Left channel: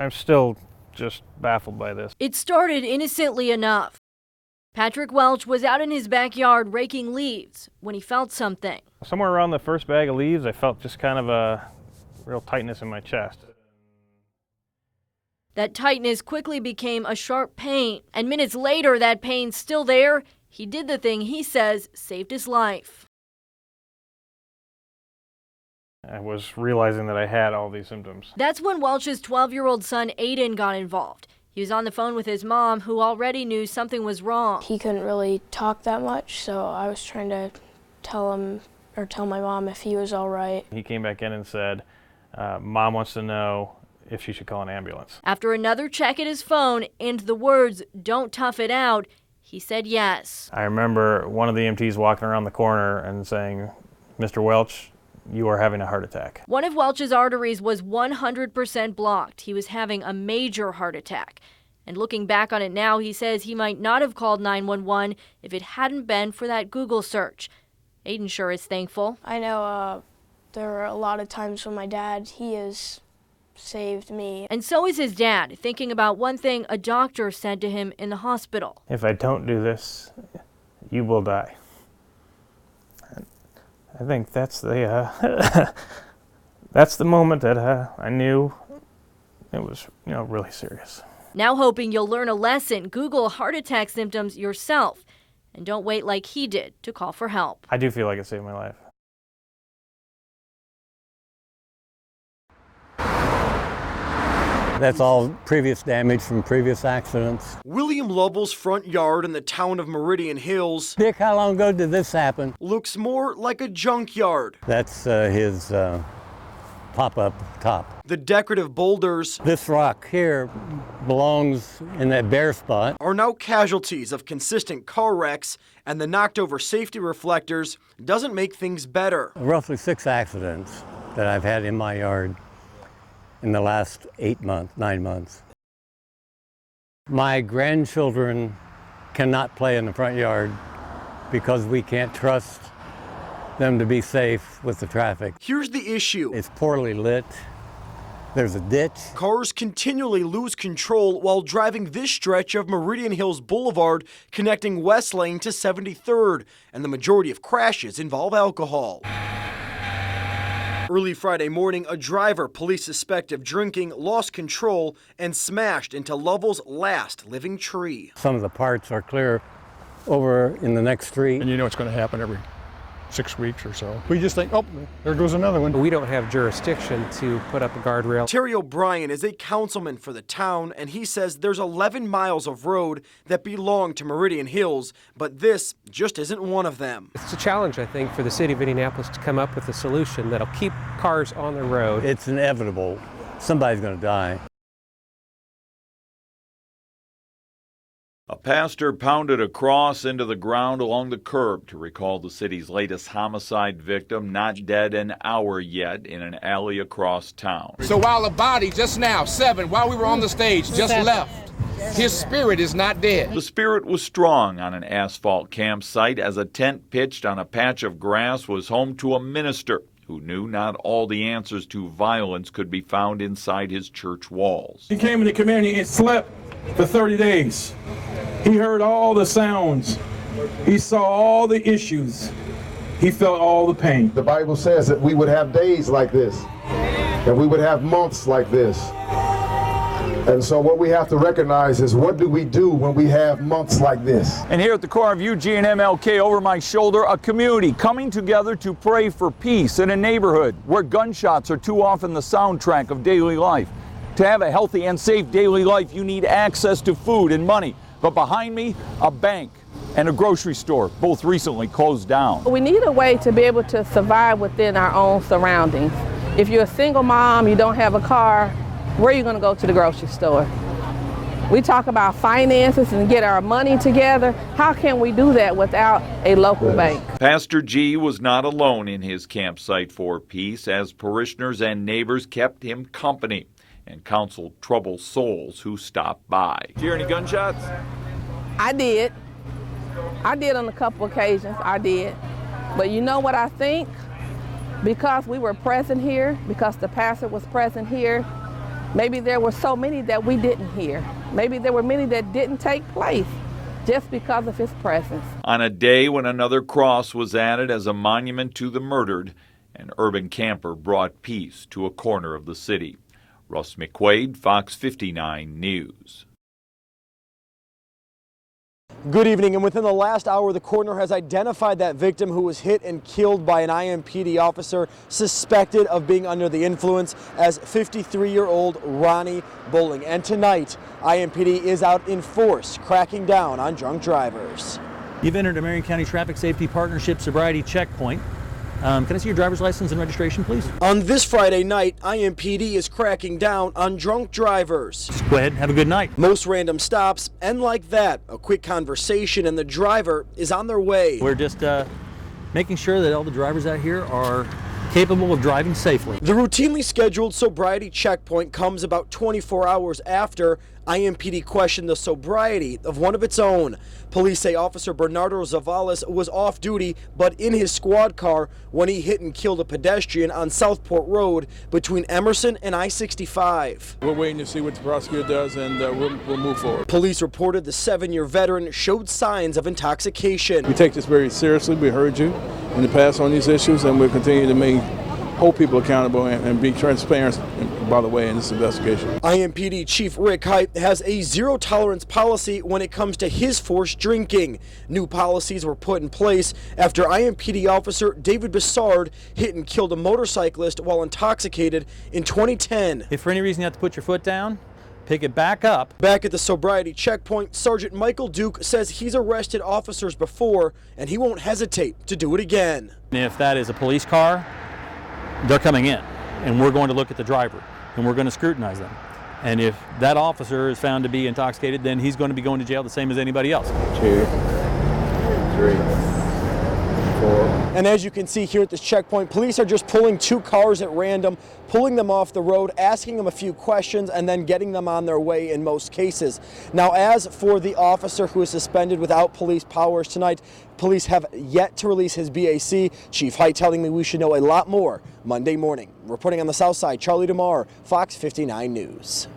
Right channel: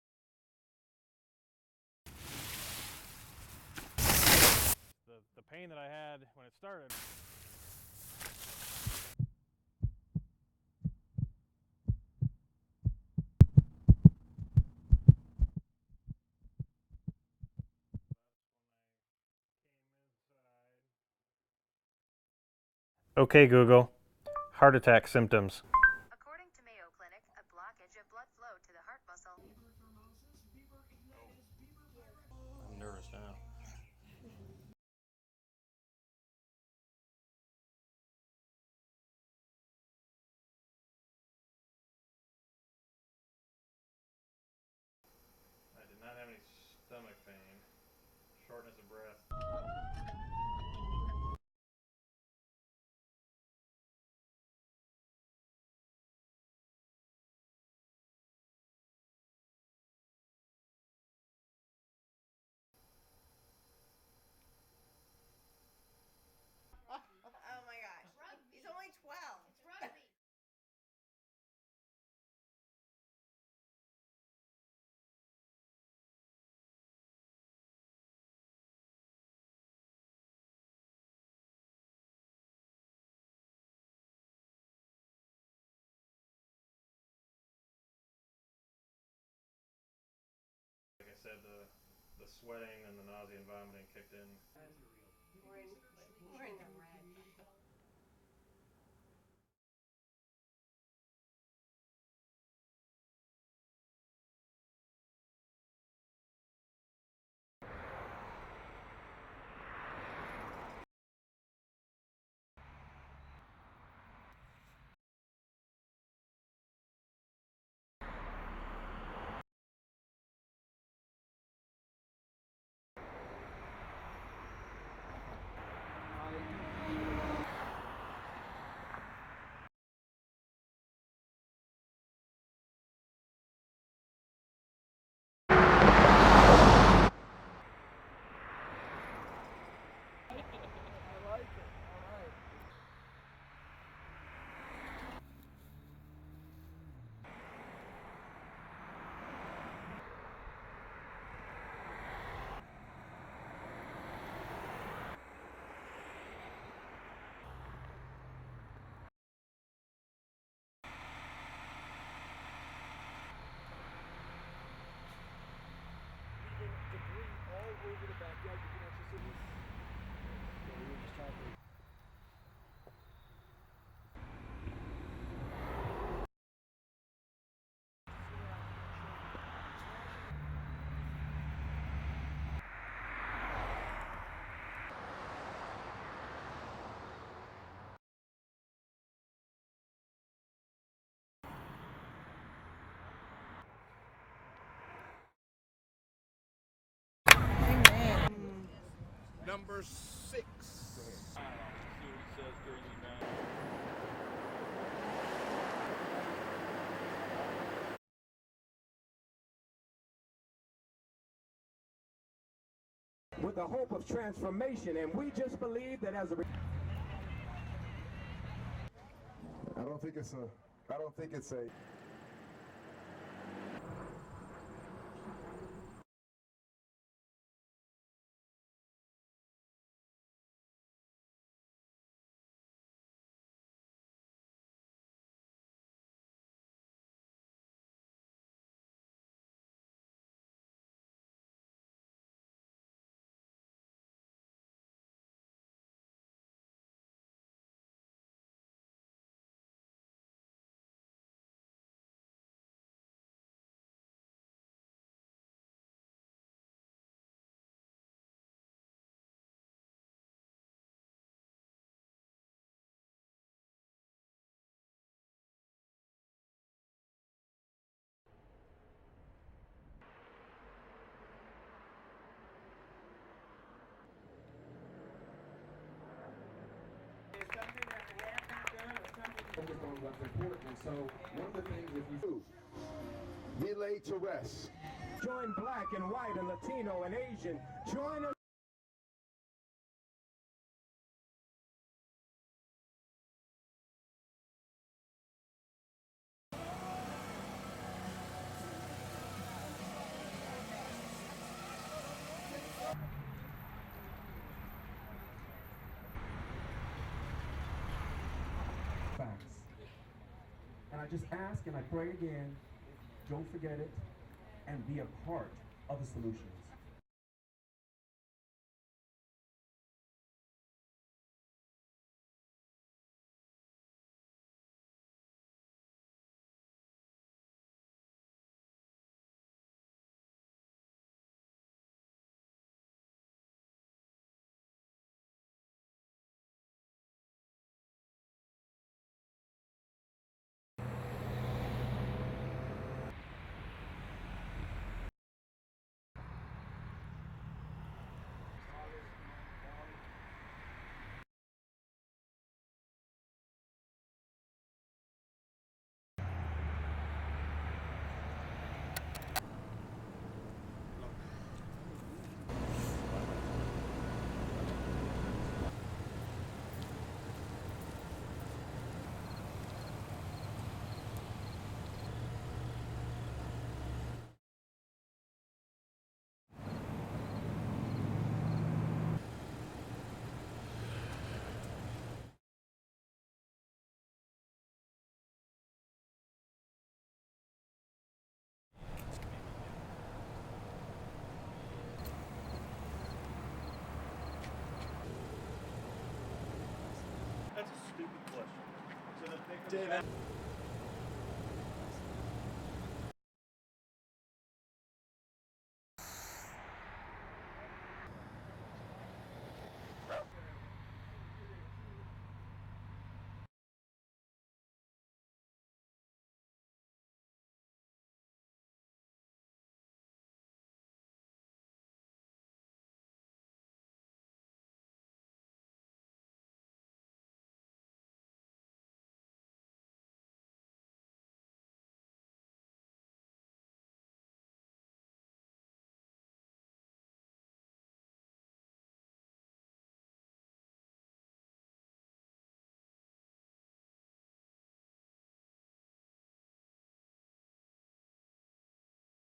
I'm still just baffled by this. It started innocently enough. Patrick Welch was out in his backyard raking leaves when he felt something. Somewhere around the first bag of leaves, I felt just kind of a real tightness in my chest. That tightness quickly became a sharp pain, and minutes later, that pain still there, he did the thing he says saved his life. Okay, Google, heart attack symptoms. I was realizing that I had all these symptoms. That's when Welch's 12-year-old son, Aiden, got involved. He was on the phone with his mom, who already knew something was wrong. He couldn't really talk that much, so I was trying to tell my mom if he was all right. He came back in and said, Mom wants to know if she should call an ambulance. After another check at his phone and the words, "Don't tough it out," he said yes. I remember one of the EMTs walking around the corner and saying, Mr. Welch, you are having a heart attack. One of Welch's arteries was 100% blocked. He was having a major heart attack. And looking back on it now, he says he might not have called 911 if it hadn't been for that Google search. Aiden sure is thankful. I know there were a lot of times when my dad, he has saved me. And so is his dad, thinking about one thing a doctor said to him in the hospital. If I don't do this, you will die. I think that's the that's the moment that I knew it was, really serious. Now hoping you'll learn a lesson, Google heart attack symptoms yourself, and don't wait like he did to call for help. I do feel like it saved my life. That's all previous damage from previous accidents. William Lovell's front yard in the town of Meridian Hills. Dick, how long ago did this happen? Looks more like a junkyard. That's his pop-up top. The decorative boulders. This rock here belongs in that bare spot. Are now casualties of consistent car wrecks, and the knocked over safety reflectors doesn't make things better. Roughly 6 accidents that I've had in my yard in the last 9 months. My grandchildren cannot play in the front yard because we can't trust them to be safe with the traffic. Here's the issue. It's poorly lit. There's a ditch. Cars continually lose control while driving this stretch of Meridian Hills Boulevard connecting West Lane to 73rd, and the majority of crashes involve alcohol. Early Friday morning, a driver police suspect of drinking lost control and smashed into Lovell's last living tree. Some of the parts are clear over in the next street. And it's going to happen every 6 weeks or so. We just think, oh, there goes another one. We don't have jurisdiction to put up a guardrail. Terry O'Brien is a councilman for the town, and he says there's 11 miles of road that belong to Meridian Hills, but this just isn't one of them. It's a challenge, I think, for the city of Indianapolis to come up with a solution that'll keep cars on the road. It's inevitable. Somebody's going to die. A pastor pounded a cross into the ground along the curb to recall the city's latest homicide victim, not dead an hour yet, in an alley across town. So while the body just now, 7, while we were on the stage, just left, his spirit is not dead. The spirit was strong on an asphalt campsite as a tent pitched on a patch of grass was home to a minister who knew not all the answers to violence could be found inside his church walls. He came into community and slept for 30 days. He heard all the sounds. He saw all the issues. He felt all the pain. The Bible says that we would have days like this, that we would have months like this. And so what we have to recognize is, what do we do when we have months like this? And here at the corner of Eugene and MLK, over my shoulder, a community coming together to pray for peace in a neighborhood where gunshots are too often the soundtrack of daily life. To have a healthy and safe daily life, you need access to food and money. But behind me, a bank and a grocery store, both recently closed down. We need a way to be able to survive within our own surroundings. If you're a single mom, you don't have a car, where are you going to go to the grocery store? We talk about finances and get our money together. How can we do that without a local bank? Pastor G was not alone in his campsite for peace, as parishioners and neighbors kept him company and counseled troubled souls who stopped by. Did you hear any gunshots? I did. I did on a couple occasions, I did. But you know what I think? Because we were present here, because the pastor was present here, Maybe there were so many that we didn't hear. Maybe there were many that didn't take place just because of his presence. On a day when another cross was added as a monument to the murdered, an urban camper brought peace to a corner of the city. Russ McQuaid, Fox 59 News. Good evening, and within the last hour, the coroner has identified that victim who was hit and killed by an IMPD officer suspected of being under the influence as 53-year-old Ronnie Bowling. And tonight, IMPD is out in force, cracking down on drunk drivers. You've entered a Marion County Traffic Safety Partnership Sobriety Checkpoint. Can I see your driver's license and registration, please? On this Friday night, IMPD is cracking down on drunk drivers. Just go ahead and have a good night. Most random stops, and like that, a quick conversation and the driver is on their way. We're just making sure that all the drivers out here are capable of driving safely. The routinely scheduled sobriety checkpoint comes about 24 hours after IMPD questioned the sobriety of one of its own. Police say Officer Bernardo Zavalas was off duty, but in his squad car when he hit and killed a pedestrian on Southport Road between Emerson and I-65. We're waiting to see what the prosecutor does, and we'll move forward. Police reported the 7-year veteran showed signs of intoxication. We take this very seriously. We heard you in the past on these issues, and we'll continue to hold people accountable and be transparent, by the way, in this investigation. IMPD Chief Rick Height has a zero-tolerance policy when it comes to his forced drinking. New policies were put in place after IMPD officer David Bessard hit and killed a motorcyclist while intoxicated in 2010. If for any reason you have to put your foot down, pick it back up. Back at the sobriety checkpoint, Sergeant Michael Duke says he's arrested officers before and he won't hesitate to do it again. If that is a police car, they're coming in, and we're going to look at the driver, and we're going to scrutinize them. And if that officer is found to be intoxicated, then he's going to be going to jail the same as anybody else. 2, 3, 4. And as you can see here at this checkpoint, police are just pulling 2 cars at random, pulling them off the road, asking them a few questions, and then getting them on their way in most cases. Now, as for the officer who is suspended without police powers tonight, police have yet to release his BAC. Chief Height telling me we should know a lot more Monday morning. Reporting on the South Side, Charlie DeMar, Fox 59 News.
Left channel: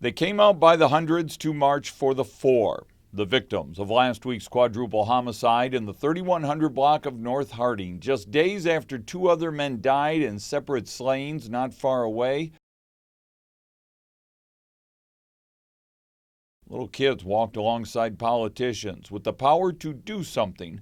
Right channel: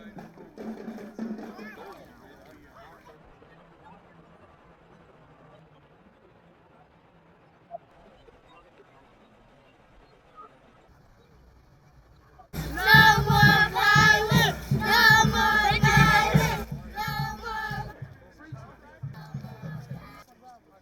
They came out by the hundreds to march for the 4, the victims of last week's quadruple homicide in the 3100 block of North Harding, just days after 2 other men died in separate slayings not far away. No more violence! No more violence! Little kids walked alongside politicians with the power to do something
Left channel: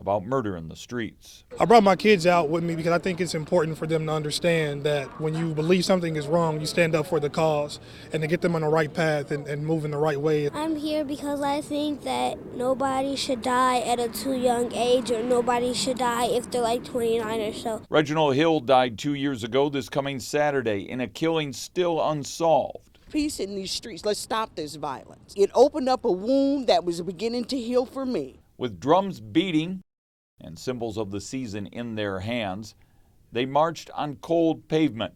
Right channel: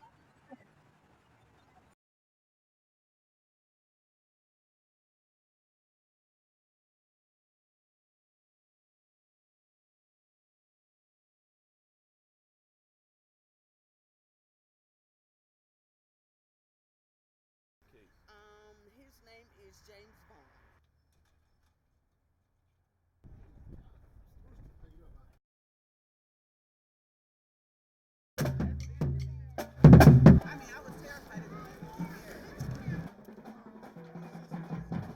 about murder in the streets. I brought my kids out with me because I think it's important for them to understand that when you believe something is wrong, you stand up for the cause and to get them on the right path and move in the right way. I'm here because I think that nobody should die at a too young age, or nobody should die if they're like 29 or so. Reginald Hill died 2 years ago this coming Saturday in a killing still unsolved. Peace in these streets. Let's stop this violence. It opened up a wound that was beginning to heal for me. With drums beating and symbols of the season in their hands, they marched on cold pavement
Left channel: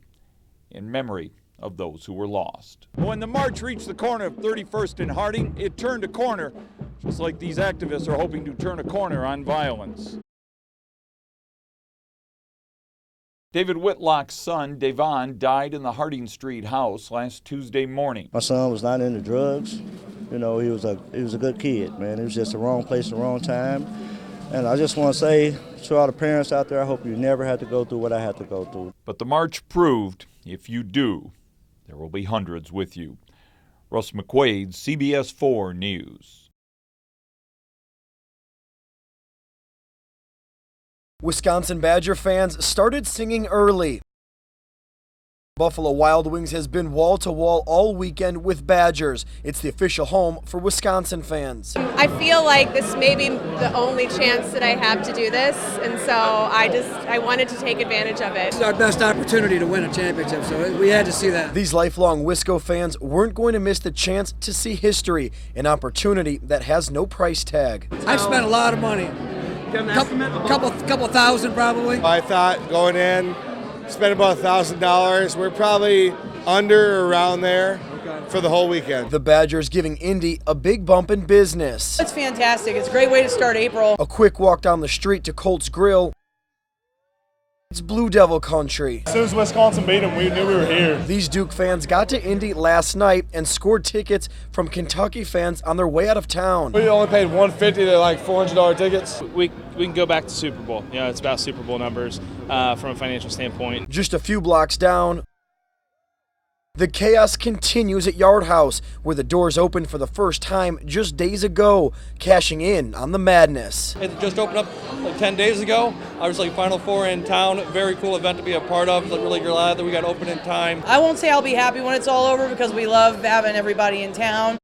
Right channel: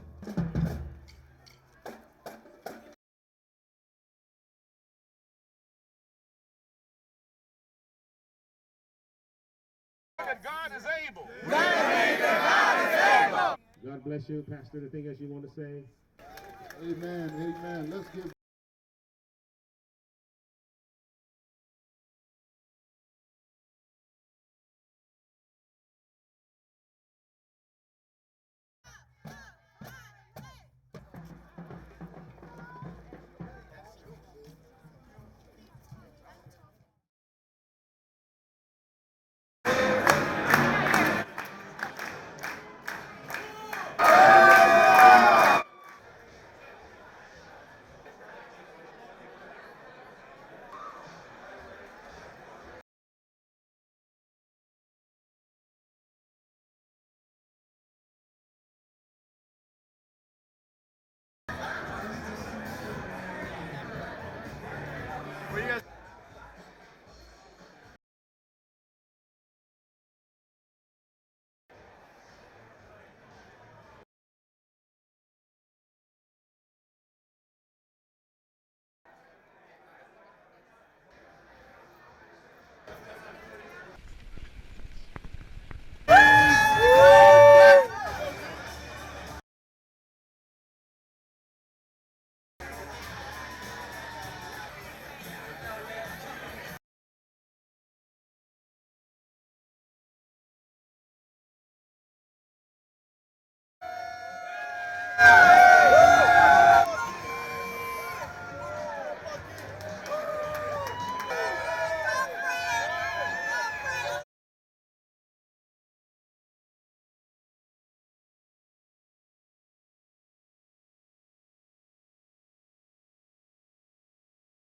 in memory of those who were lost. When the march reached the corner of 31st and Harding, it turned a corner, just like these activists are hoping to turn a corner on violence. David Whitlock's son, Devon, died in the Harding Street house last Tuesday morning. My son was not into drugs. You know, he was a good kid, man. He was just the wrong place at the wrong time. And I just want to say to all the parents out there, I hope you never have to go through what I had to go through. But the march proved, if you do, there will be hundreds with you. Russ McQuaid, CBS 4 News. Wisconsin Badger fans started singing early. Buffalo Wild Wings has been wall-to-wall all weekend with Badgers. It's the official home for Wisconsin fans. I feel like this may be the only chance that I have to do this, and so I wanted to take advantage of it. It's our best opportunity to win a championship, so we had to see that. These lifelong Wisco fans weren't going to miss the chance to see history, an opportunity that has no price tag. I've spent a lot of money. Couple thousand probably. I thought going in, spent about $1,000. We're probably under or around there for the whole weekend. The Badgers giving Indy a big bump in business. It's fantastic. It's a great way to start April. A quick walk down the street to Colts Grill. It's Blue Devil country. As soon as Wisconsin beat them, we knew we were here. These Duke fans got to Indy last night and scored tickets from Kentucky fans on their way out of town. We only paid $150 to like $400 tickets. We can go back to Super Bowl. You know, it's about Super Bowl numbers from a financial standpoint. Just a few blocks down, the chaos continues at Yard House, where the doors opened for the first time just days ago, cashing in on the madness. It just opened up like 10 days ago. Obviously, Final Four in town. Very cool event to be a part of. Really glad that we got open in time. I won't say I'll be happy when it's all over because we love having everybody in town.